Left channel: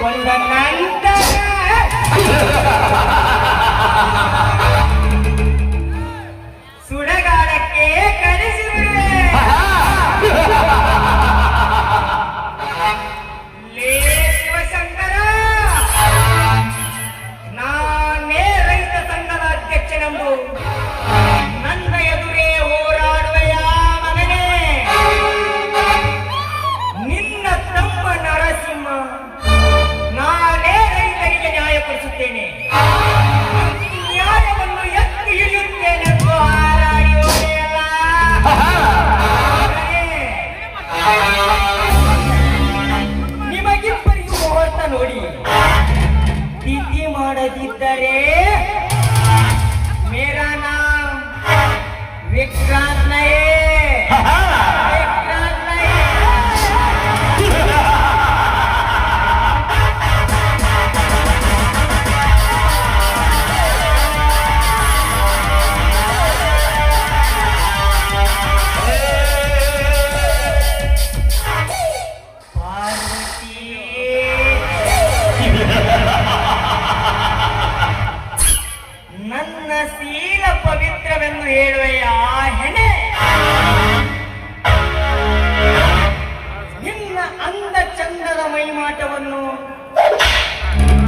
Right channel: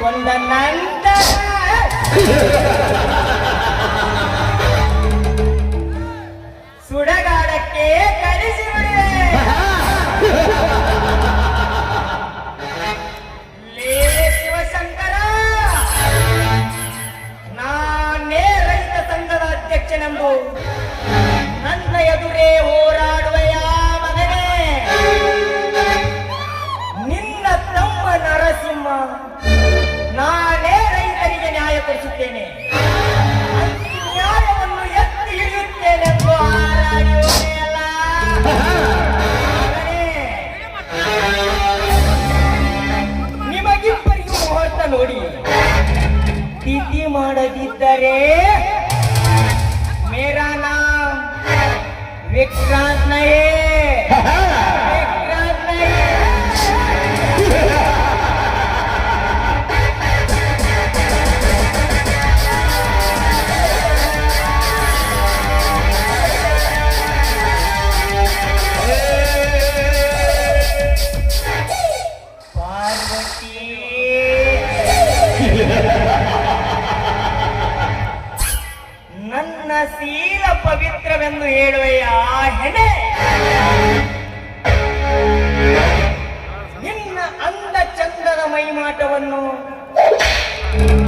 ತೆಗೆದುಕೊಂಡ ನಂತರ ಸುಡಗಾಡಕ್ಕೆ ಕಳಿಸಿಬಿಡುವೆ. ಲೇ ಶಿವಶಂಕರ, ನಾನೇ ರೈತ ಸಂಘದ ಅಧ್ಯಕ್ಷನೆಂದು ನನ್ನ ಎದುರೇ ಹೋರಾಡುವೆಯ ಮಗನೇ? ನಿನ್ನ ತಮ್ಮ ನರಸಿಂಹ ನಾನೇ ರೈತರಿಗೆ ನ್ಯಾಯ ಕೊಡಿಸುತ್ತೇನೆ, ನ್ಯಾಯವನ್ನು ಎತ್ತಿ ಹಿಡಿಯುತ್ತೇನೆ. ನಿಮಗಿಬ್ಬರಿಗೂ ಮುಹೂರ್ತ ನೋಡಿ ತಿಥಿ ಮಾಡದಿದ್ದರೆ ಮೇರಾ ನಾಮ್ ವಿಕ್ರಾಂತ್ ನಹೇ, ವಿಕ್ರಾಂತ್ ನಹೇ. ಪಾರ್ವತಿ, ನನ್ನ ಶೀಲ ಪವಿತ್ರವೆಂದು ಹೇಳುವೆಯ ಹೆಣೆ? ನಿನ್ನ ಅಂದ ಚಂದದ ಮೈಮಾಟವನ್ನು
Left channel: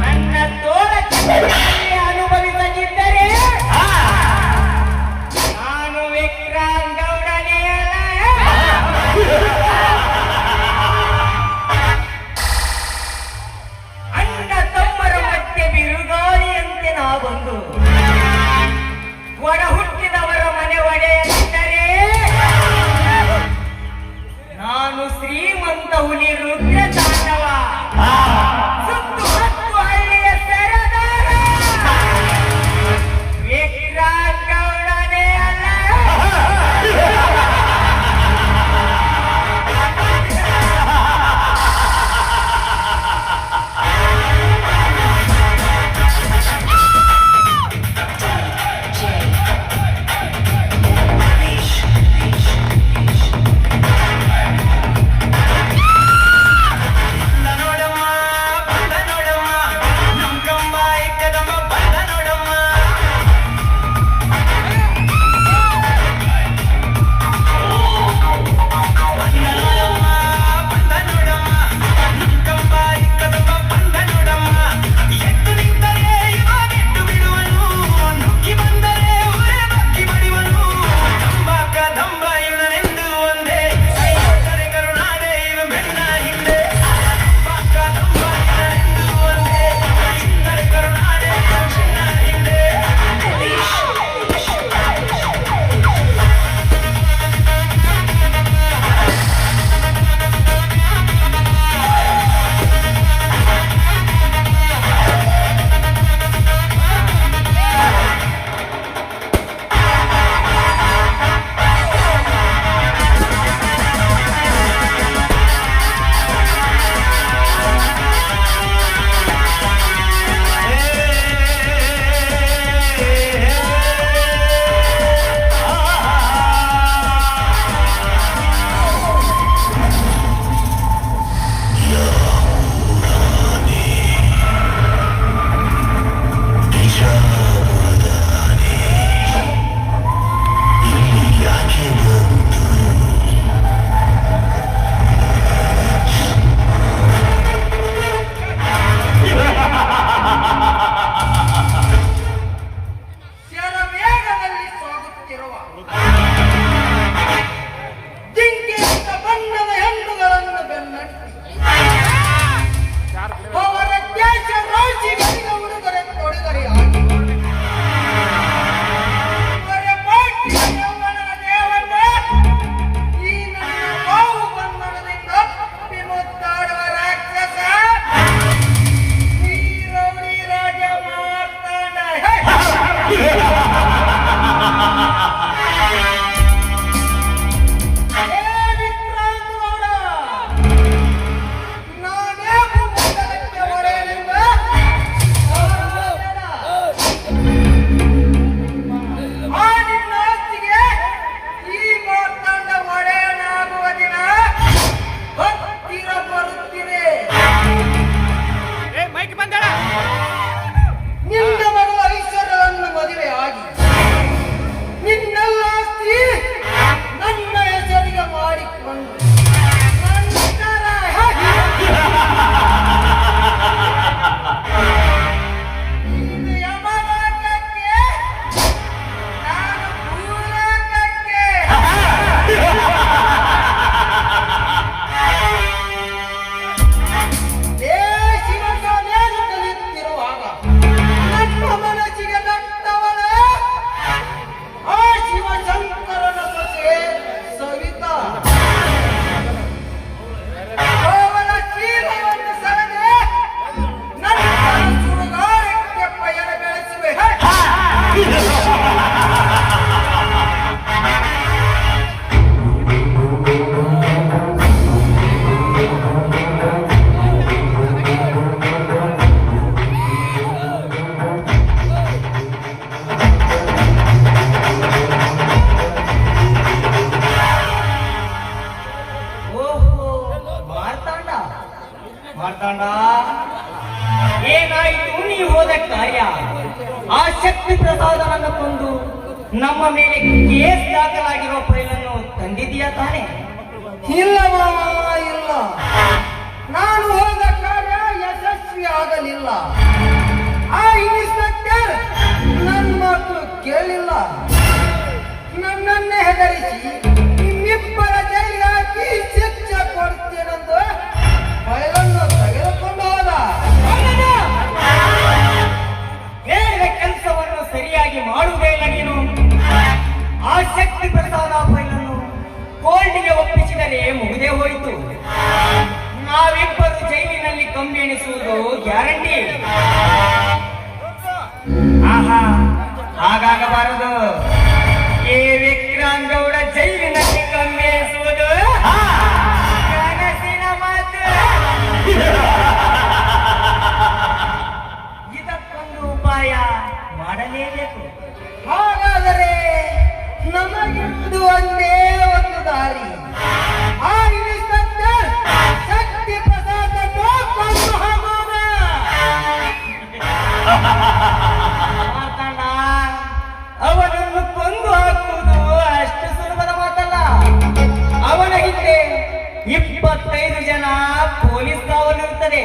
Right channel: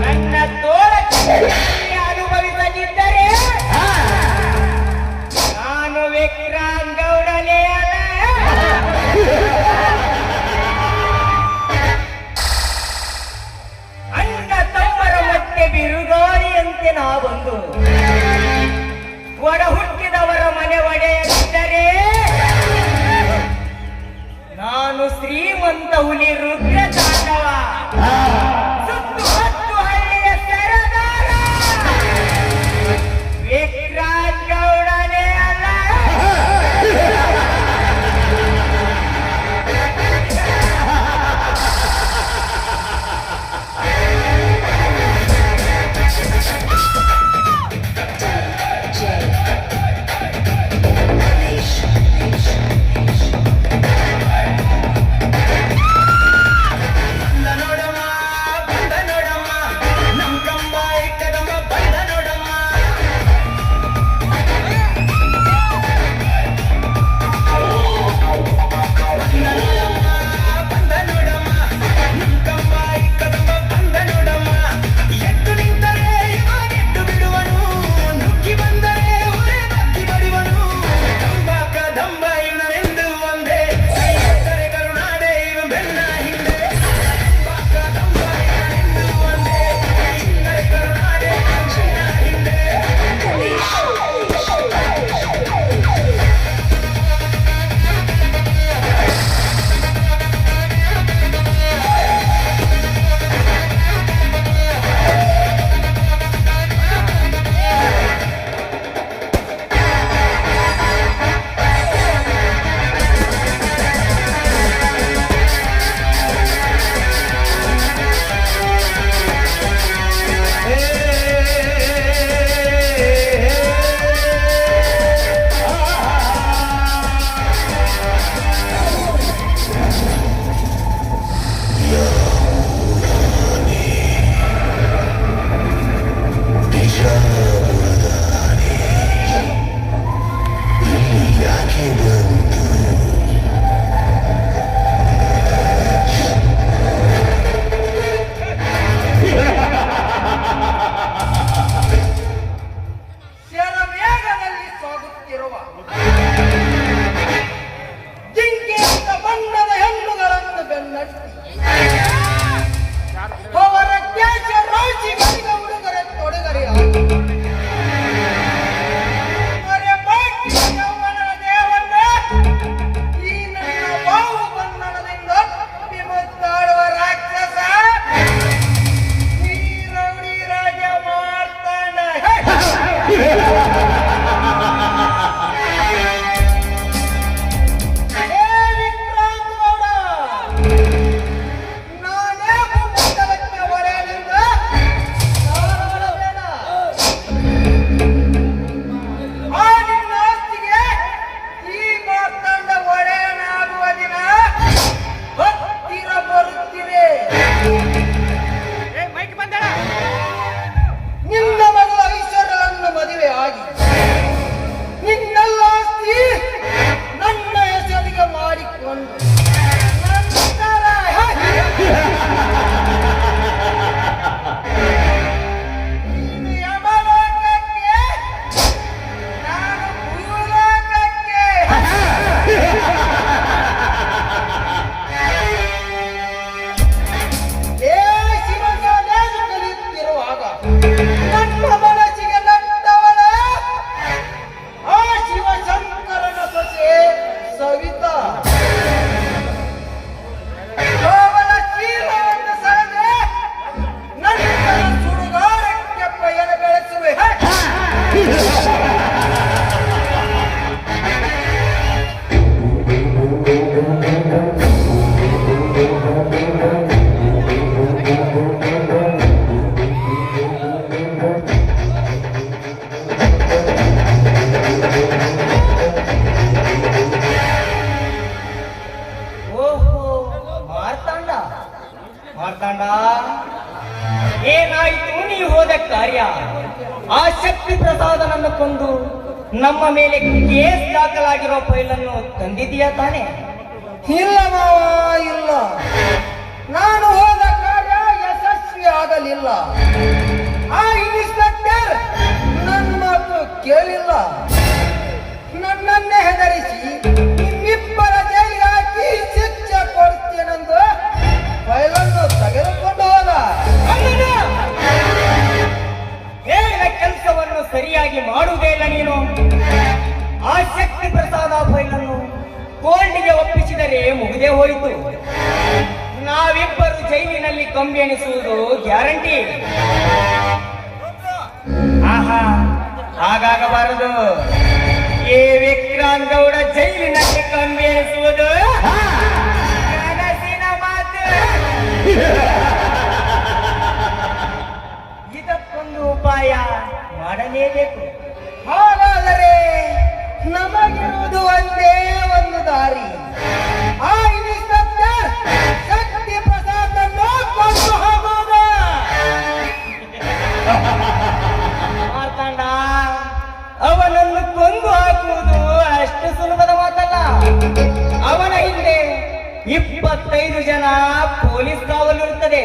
ನನ್ನ ತೋರ ಅನುಭವಿಸದಿದ್ದರೆ ನಾನು ವಿಕ್ರಾಂತ್ ಗೌಡನೇ ಅಲ್ಲ. ಅಣ್ಣ ತಮ್ಮರ ಮತ್ತೆ ಬಿರುಗಾಳಿಯಂತೆ ನಾವೊಂದು ಒಡ ಹುಟ್ಟಿದವರ ಮನೆ ಒಡೆಯದಿದ್ದರೆ ನಾನು ಶ್ರೀಮಂತ ಹುಲಿ ರುದ್ರ ತಾಂಡವ ಸುತ್ತು ಹತ್ತು ಹಳ್ಳಿಯ ಸರದಾರ ವಿಕ್ರಾಂತ್ ಗೌಡನೇ ಅಲ್ಲ. ಮಾತಾಡ ಏನಾಯಿತು ನೀವು ಹೋದ ಕಾರ್ಯ? ಆ ಶಕ್ತಿ ಪ್ರಸಾದನನ್ನು ಕೊಂದು ನಮ್ಮ ಮೇಲೆ ಕೇಸ್ ದಾಖಲಾಗಿರುವ ಫೈಲನ್ನು ತಂದಿದೀಯಾ ತಾನೆ? ಇಲ್ಲ ಮಾವ, ಇಲ್ಲ. ನಾನು ಹೋದ ಕಾರ್ಯ ಯಶಸ್ವಿ ಆಗಲಿಲ್ಲ. ಆ ಇನ್ಸ್ಪೆಕ್ಟರ್ ನನ್ನ ಮಾತು ಕೇಳಿಲ್ಲ. ನನ್ನನ್ನೇ ಹೆದರಿಸಿ ನಿಮ್ಮಿಬ್ಬರ ಜೈಲಿಗೆ ಹಾಕಿ ಶಿಕ್ಷೆ ಕೊಡ್ತೇನೆಂದು ಫೈಲನ್ನು ತೆಗೆದುಕೊಂಡು ಹೋದ. ಹೇಳಿದ ಕೆಲಸವನ್ನು ಸರಿಯಾಗಿ ಮಾಡುವುದೇ ಇಲ್ಲ ನೀನು. ಆ ಶಕ್ತಿ ಪ್ರಸಾದ ಫೈಲನ್ನು ಕೋರ್ಟಿಗೆ ಒಪ್ಪಿಸಿದರೆ ಮುಗಿದೇ ಹೋಯಿತು. ನಾವಿಬ್ಬರು ಜೈಲಿನಲ್ಲಿ ಕಂಬಿ ಎಣಿಸುವುದು ಗ್ಯಾರಂಟಿ. ಆಹಾ, ಹಾಗಾಗಬಾರದು. ಈ ವಿಕ್ರಮ್ ಗೌಡ ಜೈಲಿನಲ್ಲಿ ಕಂಬಿ ಎಣಿಸುವುದು ಕನಸಿನ ಮಾತು. ಇದಕ್ಕೊಂದು ಉಪಾಯ ಮಾಡಲೇಬೇಕು. ಹಾಗಾದರೆ ನಮಗಿರುವುದು ಒಂದೇ ಒಂದು ದಾರಿ. ಆ ಇನ್ಸ್ಪೆಕ್ಟರ್ ಶಕ್ತಿ ಪ್ರಸಾದನ್ನು ಕೊಂದು ಹಾಕುವುದು. ಮಾತಣ್ಣ, ಅವನನ್ನು ಕೊಂದು ಹಾಕುವುದು ಅಷ್ಟು ಸುಲಭದ ಮಾತಲ್ಲ. ಅವನ ಹಿಂದೆ 25 ಜನ ಪೊಲೀಸ್ ಕಾವಲಿರುತ್ತದೆ.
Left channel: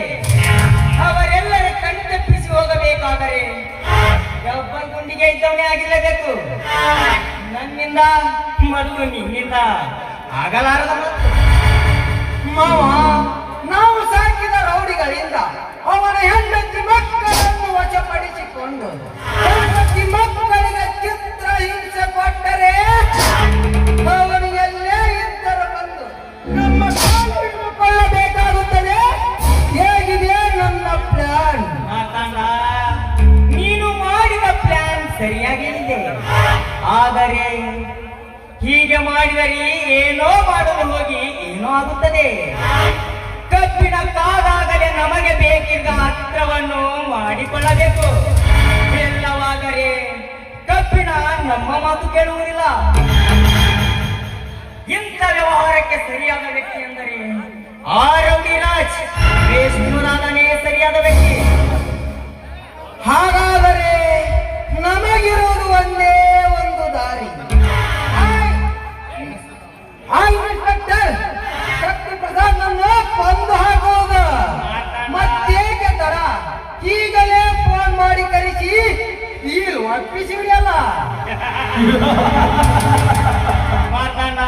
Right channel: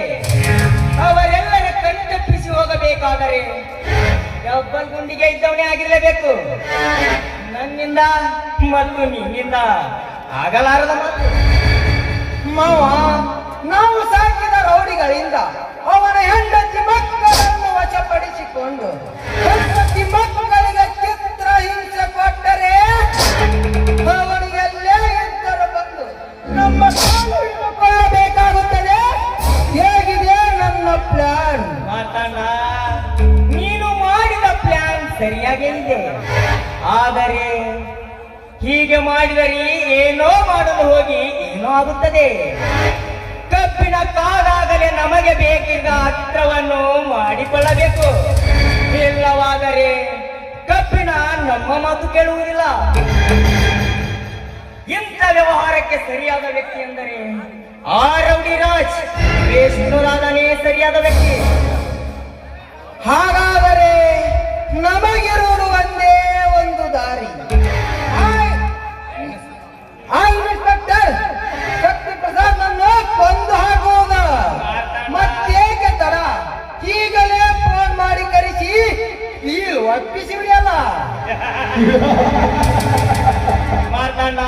ಅವರೆಲ್ಲರ ಕಣ್ತಪ್ಪಿಸಿ ಹೋಗಬೇಕಾದರೆ ಡಬ್ಬಲ್ ಗುಂಡಿಗೆ ಇದ್ದವನೇ ಆಗಿರಲೇಬೇಕು. ನನ್ನಿಂದ ಮತ್ತು ನಿನ್ನಿಂದ ಆಗಲಾರದ ಮಾತು. ಮಾವ, ನಾವು ಸಾಕಿದ ರೌಡಿಗಳಿಂದ ಅವನ ಹೆಂಡತಿ ಮಕ್ಕಳನ್ನು ವಶಪಡಿಸಿಕೊಂಡು ಹೆಂಡತಿ ಮಕ್ಕಳಿಗೆ ಚಿತ್ರ ಹಿಂಸೆ ಕೊಟ್ಟರೆ ಅವನು ಎಲ್ಲೇ ಇದ್ದರೂ ಬಂದು ನಮ್ಮ ಕಾಲು ಹಿಡಿದುಕೊಳ್ಳಬೇಕಾಗುತ್ತದೆ. ಹೇಗಿದೆ ನನ್ನ ಪ್ಲಾನ್? ಮಾತಣ್ಣ, ನೀನು ಮಾಡಿದ ಪ್ಲಾನ್ ಸರಿಯಾಗಿದೆ. ಆದರೆ ಹೀಗೆ ಮಾಡಿದರೆ ಏನೋ ಮಾಡಲು ಹೋಗಿ ಏನೋ ಆಗುತ್ತದೆ. ಕಬ್ಬಿನ ಕಾದಾಗಲೇ ನಮಗೆ ಬೇಕಿದ್ದ ಹತ್ರವನ್ನು ಮಾಡಿಕೊಳ್ಳಬೇಕು. ಇಲ್ಲವಾದರೆ ಕಬ್ಬಿನ ನಮ್ಮ ಮಾತು ಕೇಳುವುದಿಲ್ಲ. ಇಂಥ ವ್ಯವಹಾರಕ್ಕೆ ಸರಿಯಾದ ವ್ಯಕ್ತಿ ಎಂದರೆ ಆ ರೌಡಿ ರಾಜ್ ವಿಷ್ಣುರಾಧನೇ ಸರಿಯಾದ ವ್ಯಕ್ತಿ. ಹಾಗಾದರೆ ನಮಗಿರುವುದು ಒಂದೇ ಒಂದು ದಾರಿ. ಆ ಇನ್ಸ್ಪೆಕ್ಟರ್ ಶಕ್ತಿ ಪ್ರಸಾದನ್ನು ಕೊಂದು ಹಾಕುವುದು. ಮತ್ತೇಕೆ ತಡ? ಈಗಲೇ ಫೋನ್ ಮಾಡಿ ಕರೆಸಿ ಇಲ್ಲಿ ಒಪ್ಪಿಸಿ ಬಿಡಲ್ಲ. ಮಾತಣ್ಣ,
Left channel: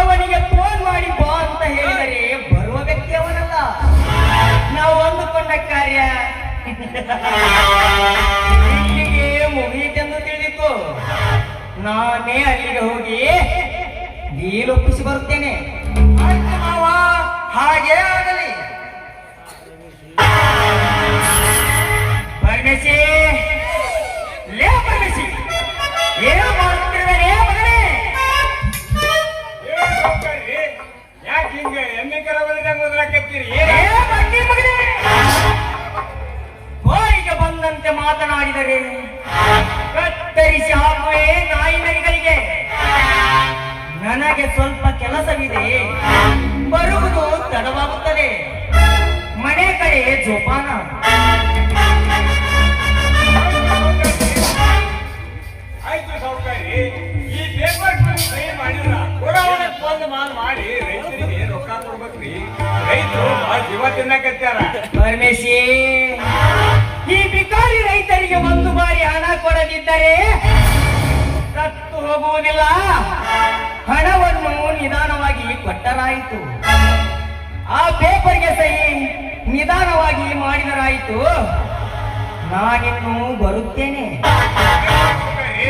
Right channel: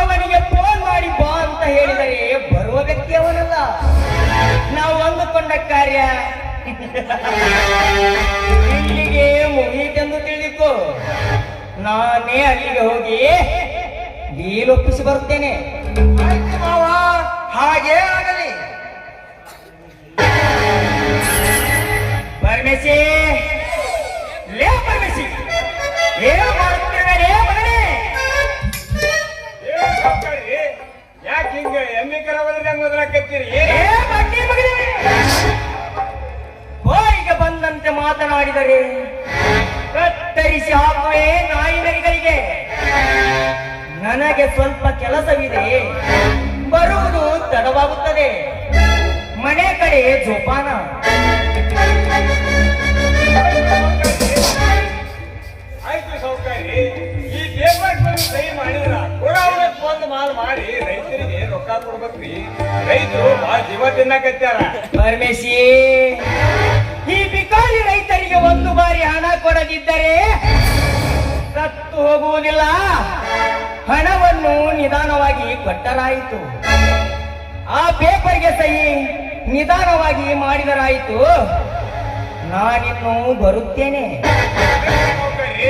ಅವನಿಗೆ ಫೋನ್ ಮಾಡಿ ಬಾ ಅಂತ ಹೇಳಿದರೆ ಬರುವ ವ್ಯಕ್ತಿ ಅವನಲ್ಲ. ನಾವು ಅಂದುಕೊಂಡ ಕಾರ್ಯ ಇಲ್ಲಿಗೆ ಮುಗಿಯಿತೆಂದು ತಿಳಿದು ನಾನೇ ಅಲ್ಲಿಗೆ ಹೋಗಿ ಡೀಲ್ ಒಪ್ಪಿಸಿ ಬರುತ್ತೇನೆ. ಆಯ್ತು ಮಾವ, ಹಾಗೇ ಆಗಲಿ. ಪರಮೇಶಿ, ಲೇ ಪರಮೇಶಿ, ಏನು ಮಾಡ್ತಿದ್ದಾರೆ ಮಗನೇ? ಯಾಕೆ ಹಿಂಗೆ ಎಮ್ಮೆ ಕೆಲವರಿಗೆ ಮೊದಲಾಕತ್ತೀರಿ? ಬಾಯಿಗೆ ಬಂದಂತೆ ಮಾತನಾಡಿದರೆ ಕತ್ತರಿಸಿ ಹಾಕುವೆ ನಾಯಿನರಿಗಳಿಗೆ. ನನಗೆ ಸ್ವಲ್ಪ ಕೆಲಸವಿದೆ, ಬರುವುದು ತಡವಾಗುತ್ತದೆ. ಮನೆ ಕಡೆ ಜೋಪಾನ. ಆಯ್ತು ಸೌಕರ್ಯ, ಈ ಪೇಪರ್ ಸಹಿ ಮಾಡಿದ್ರ ಬಂದು ಮಾಲ್ ಮಾಡಿ ರೈತರಿಗೆ ರೊಕ್ಕ ಕೊಡ್ಬೇಕ್ರಿ. ರೈತರು ಆ ಜೀವ ತಿನ್ನಕತ್ತಾರ. ಪರಮೇಶಿ, ಈ ಬಿಕಾರಿ ರೈತರಿಗೆ ಒಂದು ಬಾರಿ ಹಣ ಕೊಡದಿದ್ದರೆ ಸತ್ತು ಹೋಗುವುದಿಲ್ಲ. ಹಣವನ್ನು ನಿಧಾನವಾಗಿ ಕೊಟ್ಟರಾಯಿತು. ಆ ಪೇಪರ್ಗೆ ಸಹಿ ನಿಧಾನವಾಗಿ ಮಾಡಿದರಾಯಿತು. ನಾನಿನ್ನು ಬರುತ್ತೇನೆ. ಸೌಕರ್ಯ